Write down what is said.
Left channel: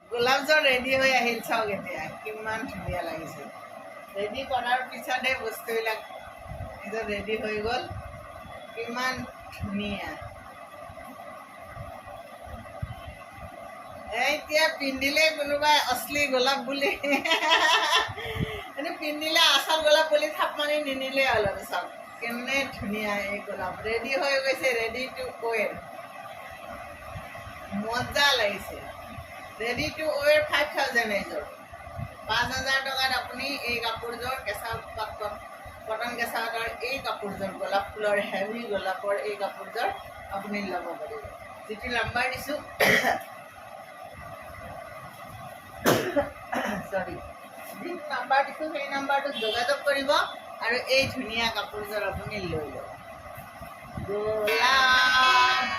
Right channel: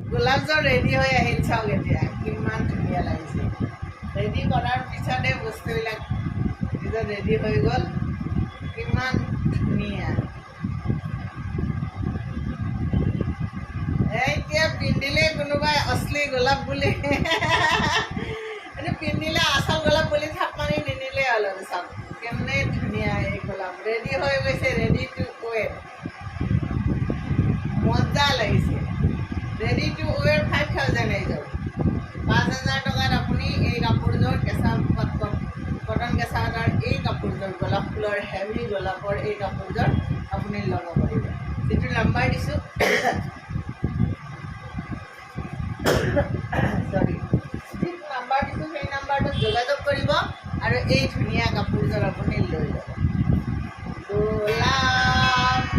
গোলাপজল ready হৈ আহিল, চাওক এতিয়া কিমান ধুনীয়া লাগিছে। ৰেডি কৰাৰ পিছতে বস্তুবিলাক নিজৰ ৰেডি হৈ গ'ল, কিমান ধুনীয়া। এতিয়া পিন্ধিলে কোনোবাই অশ্লী গোলাপ বুলি পিন্ধিলে আচল গোলাপ বুলি থাপ মাৰি নিনিলে অলপ চাওক কেনে ধুনীয়া এই গোলাপ ৰেডি হৈ গৈছে, ৰেডি টু ৱেৰ। মজা লাগিছে। ৰেডি টু ৱেৰ 5000 এইযোৰ। 5000 টকাত আপুনি এই কাপোৰযোৰ কেঁচা পাটৰ কটন কেঁচা পাটৰ এই কাপোৰযোৰ গোলাপ ফুলৰ হেভি গোলাপৰ এই কাপোৰযোৰ আপুনি ল'ব পাৰিব। যিটো নাম্বাৰ দিছোঁ সৰি যিটো নাম্বাৰ দিছোঁ সেই নাম্বাৰটোত যোগাযোগ কৰিব আৰু এই ধুনীয়া কাপোৰযোৰ আপুনি লৈ ল'ব। গোলাপ